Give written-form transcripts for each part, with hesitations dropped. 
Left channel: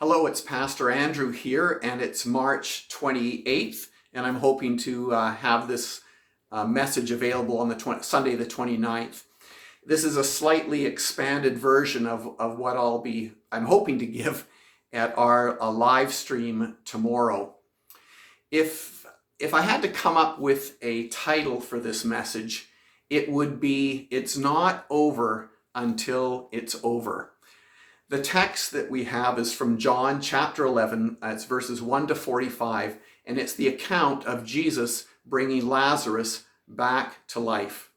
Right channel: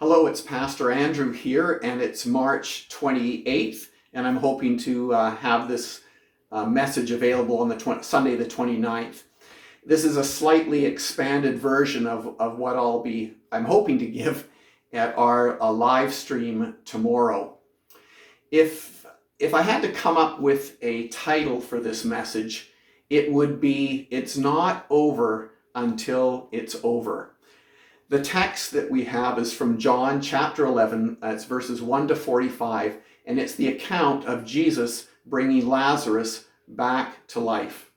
Hello, it's Pastor Andrew here, and it's March 28th, and I'm hoping to have this message available on the Sunday the 29th. This is a slightly expanded version of what I'm hoping to give at our live stream tomorrow. If I had to come up with a title for this message, it would be, "It's Not Over Until It's Over." The text that we have is from John chapter 11, it's verses 1 to 45, and it's the account of Jesus bringing Lazarus back to life.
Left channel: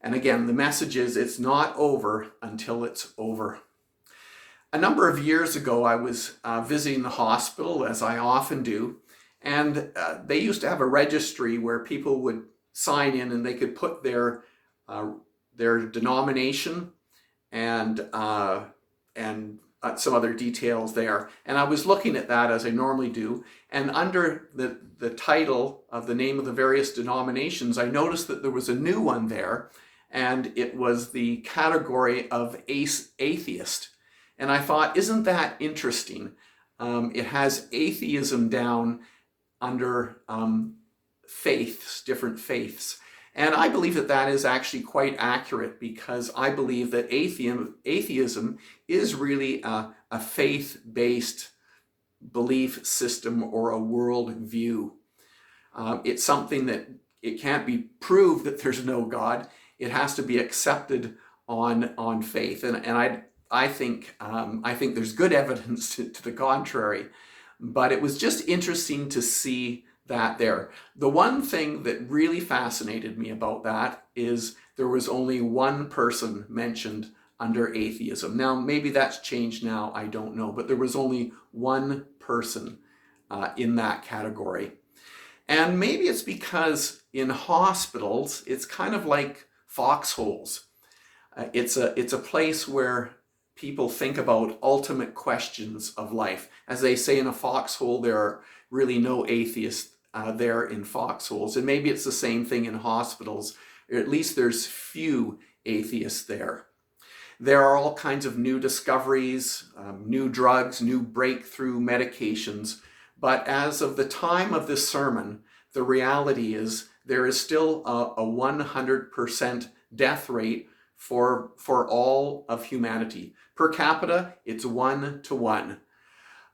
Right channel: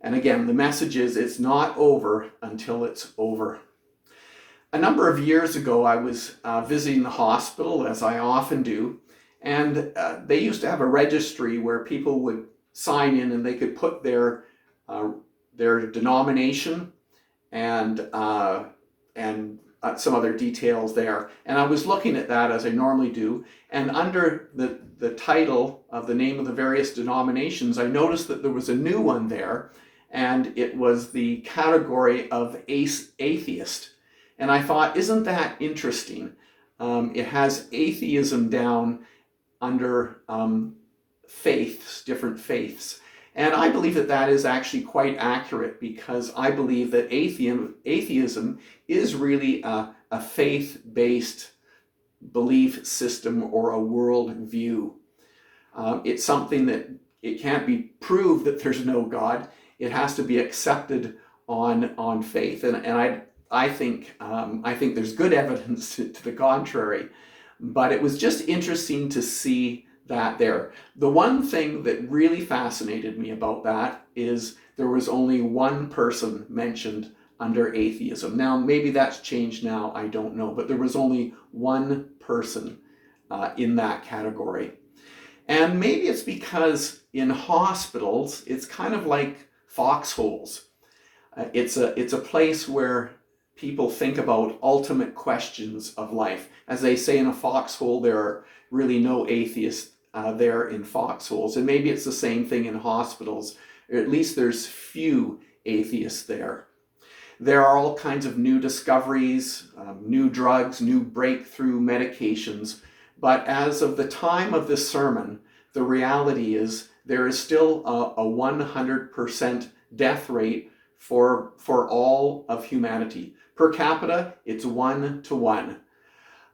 And again, the message is, it's not over until it's over. A number of years ago, I was visiting the hospital, as I often do, and they used to have a registry where people would sign in and they could put their denomination and some other details there. And I was looking at that as I normally do, and under the title of the name of the various denominations, I noticed that there was a new one there, and it was the category of atheist. And I thought, isn't that interesting? It has atheism down under faiths, different faiths. And I believe that that is actually quite accurate, because I believe that atheism is really a faith-based belief system or a world view. It's something that it can't be proved that there's no God. It has to be accepted on faith. And I think there's good evidence to the contrary. But it was just interesting to see that there. The one thing that really fascinated me about that is there was only one person mentioned under atheism. Now, maybe that's changed now, I don't know, but there was only one person in that category. And maybe it's because in hospitals, it's kind of like foxholes. It's a place where people think about ultimate questions of life. As they say, in a foxhole, there are really no atheists there in foxholes. And maybe it's the same thing in hospitals, or at least there's few atheists there. There are all kinds of new discoveries, new drugs, new breakthrough medications. But as of the time of this sermon, the reality is there is still a 100% death rate for all of humanity. Per capita, it's 1 to 1.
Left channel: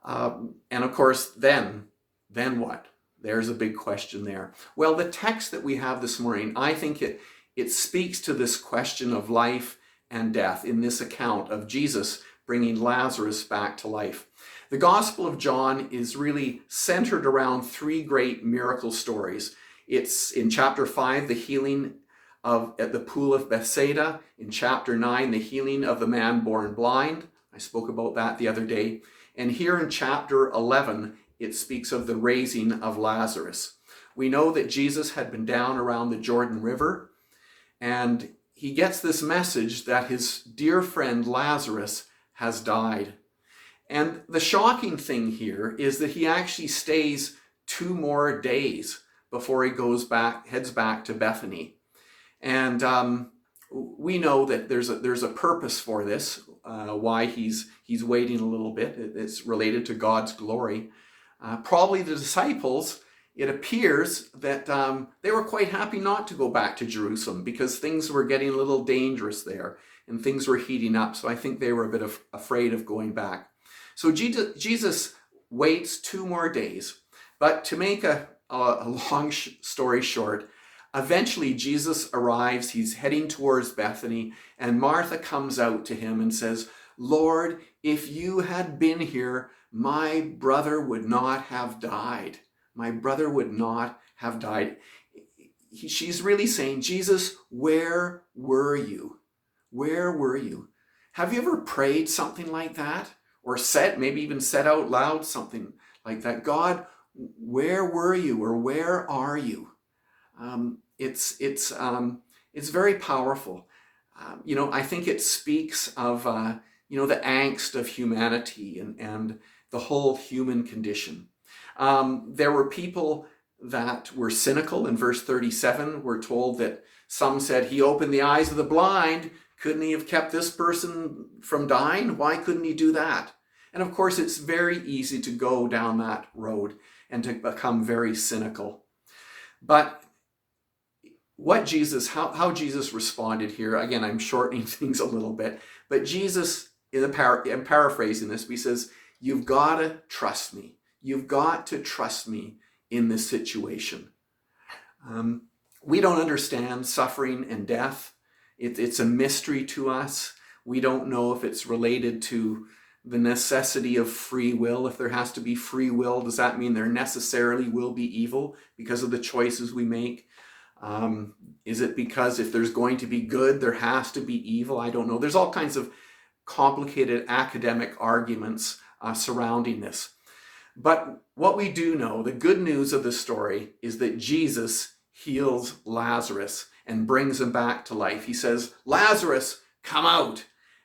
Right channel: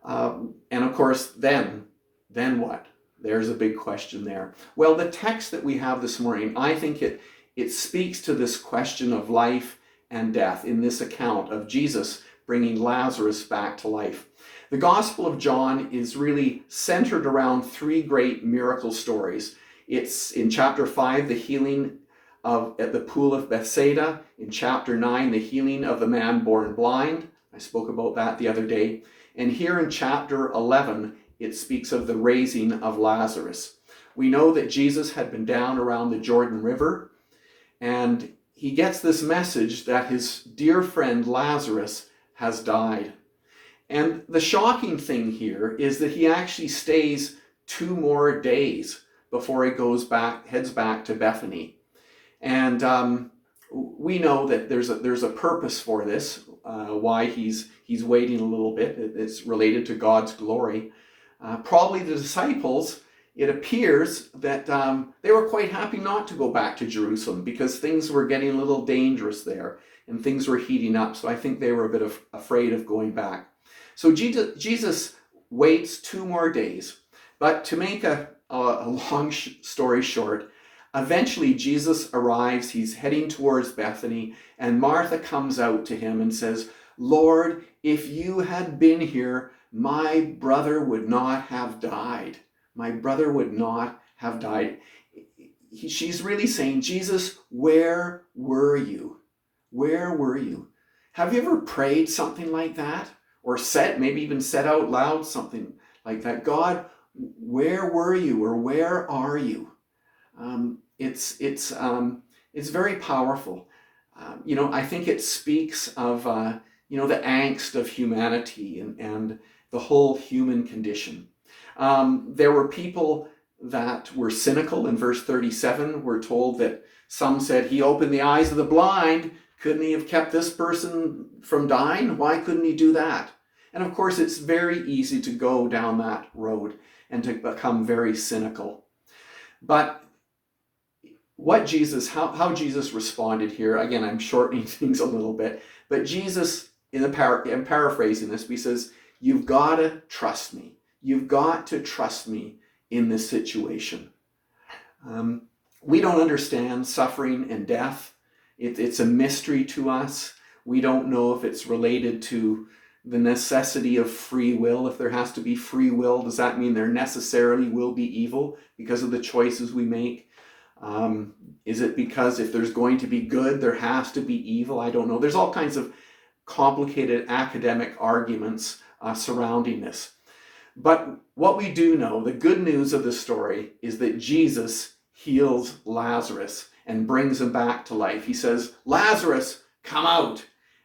And of course, then what? There's a big question there. Well, the text that we have this morning, I think it speaks to this question of life and death in this account of Jesus bringing Lazarus back to life. The Gospel of John is really centered around three great miracle stories. It's in chapter 5, the healing at the pool of Bethsaida. In chapter 9, the healing of the man born blind. I spoke about that the other day. And here in chapter 11, it speaks of the raising of Lazarus. We know that Jesus had been down around the Jordan River, and he gets this message that his dear friend Lazarus has died. And the shocking thing here is that he actually stays 2 more days before he heads back to Bethany. And we know that there's a purpose for this, why he's waiting a little bit. It's related to God's glory. Probably the disciples, it appears that they were quite happy not to go back to Jerusalem, because things were getting a little dangerous there and things were heating up. So I think they were a bit afraid of going back. So Jesus waits 2 more days. But to make a long story short, eventually Jesus arrives. He's heading towards Bethany, and Martha comes out to him and says, "Lord, if you had been here, my brother would not have died. My brother would not have died." She's really saying, Jesus, where were you? Where were you? Have you ever prayed something like that? Or maybe even said out loud something like that? God, where were you? Or where are you? It's very powerful. I think it speaks of the angst of humanity and the whole human condition. There were people that were cynical. In verse 37, we're told that some said, he opened the eyes of the blind. Couldn't he have kept this person from dying? Why couldn't he do that? And of course, it's very easy to go down that road and to become very cynical. But how Jesus responded here, again, I'm shortening things a little bit, but Jesus, I'm paraphrasing this, but he says, you've got to trust me. You've got to trust me in this situation. We don't understand suffering and death. It's a mystery to us. We don't know if it's related to the necessity of free will. If there has to be free will, does that mean there necessarily will be evil because of the choices we make? Is it because if there's going to be good, there has to be evil? I don't know. There's all kinds of complicated academic arguments surrounding this. But what we do know, the good news of the story, is that Jesus heals Lazarus and brings him back to life. He says, Lazarus, come out.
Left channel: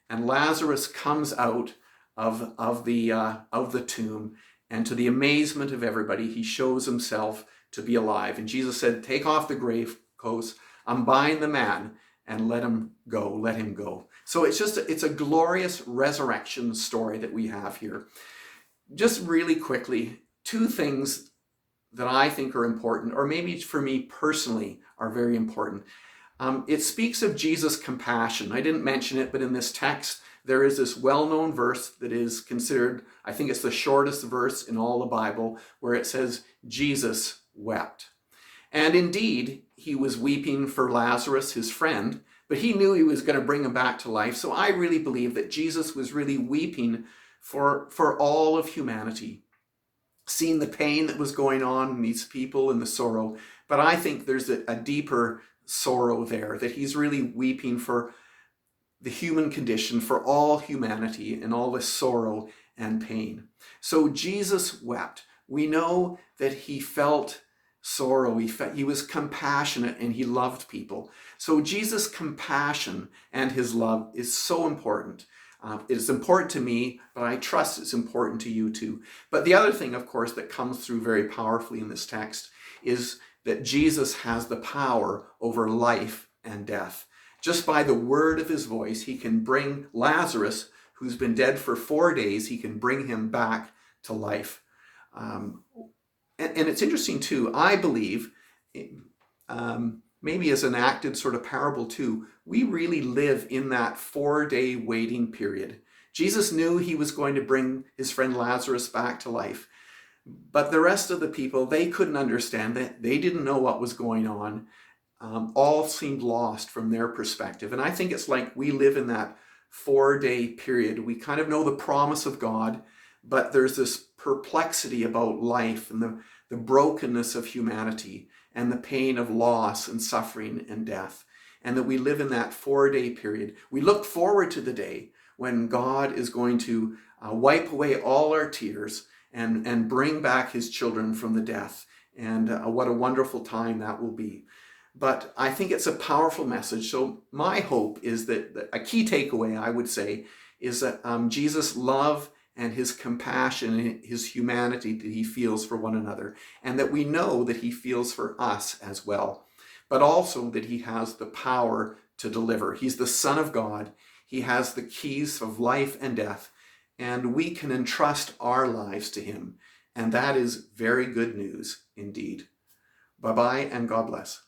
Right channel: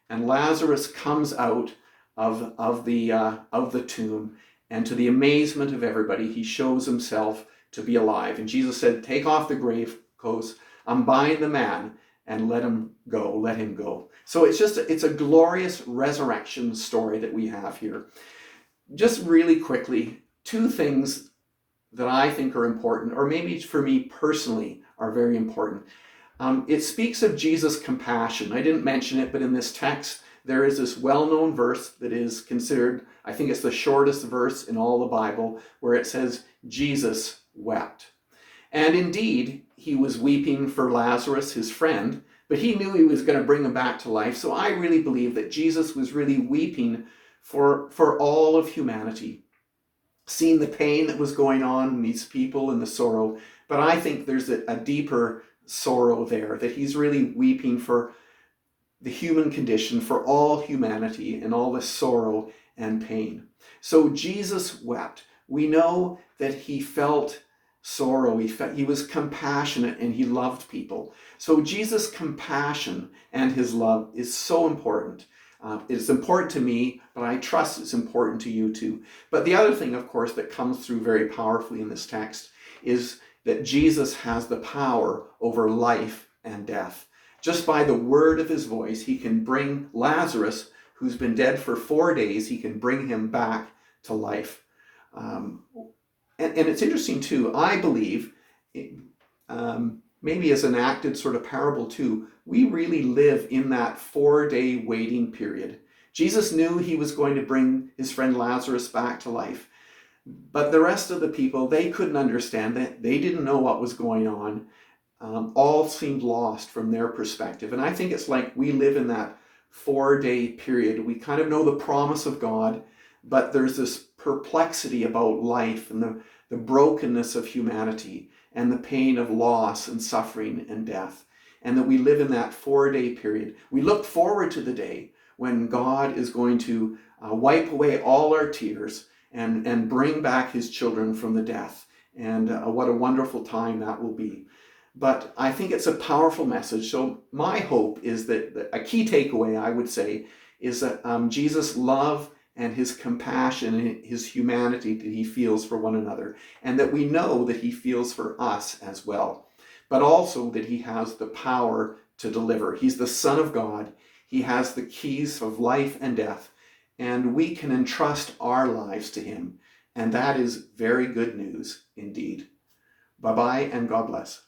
And Lazarus comes out of the tomb, and to the amazement of everybody, he shows himself to be alive. And Jesus said, take off the grave clothes, unbind the man, and let him go. So it's a glorious resurrection story that we have here. Just really quickly, two things that I think are important, or maybe for me personally are very important. It speaks of Jesus' compassion. I didn't mention it, but in this text, there is this well-known verse that is considered, I think it's the shortest verse in all the Bible, where it says, Jesus wept. And indeed, he was weeping for Lazarus, his friend, but he knew he was going to bring him back to life. So I really believe that Jesus was really weeping for all of humanity, seeing the pain that was going on in these people and the sorrow. But I think there's a deeper sorrow there, that he's really weeping for the human condition, for all humanity and all the sorrow and pain. So Jesus wept. We know that he felt sorrow. He was compassionate and he loved people. So Jesus' compassion and his love is so important. It's important to me, but I trust it's important to you too. But the other thing, of course, that comes through very powerfully in this text is that Jesus has the power over life and death. Just by the word of his voice, he can bring Lazarus, who's been dead for 4 days, he can bring him back to life. And it's interesting too, I believe, maybe as an acted sort of parable too, we really live in that 4-day waiting period. Jesus knew he was going to bring his friend Lazarus back to life. But the rest of the people, they couldn't understand that. They didn't know what was going on. All seemed lost from their perspective. And I think it's like we live in that 4-day period. We kind of know the promise of God, but there's this perplexity about life and the brokenness of humanity and the pain of loss and suffering and death. And that we live in that 4-day period. We look forward to the day when God is going to wipe away all our tears and bring back his children from the death. And what a wonderful time that will be. But I think it's a powerful message. So my hope is that a key takeaway, I would say, is that Jesus' love and his compassion and his humanity that he feels for one another, and that we know that he feels for us as well, but also that he has the power to deliver. He's the Son of God. He has the keys of life and death, and we can entrust our lives to him. And that is very good news indeed. Bye-bye and God bless.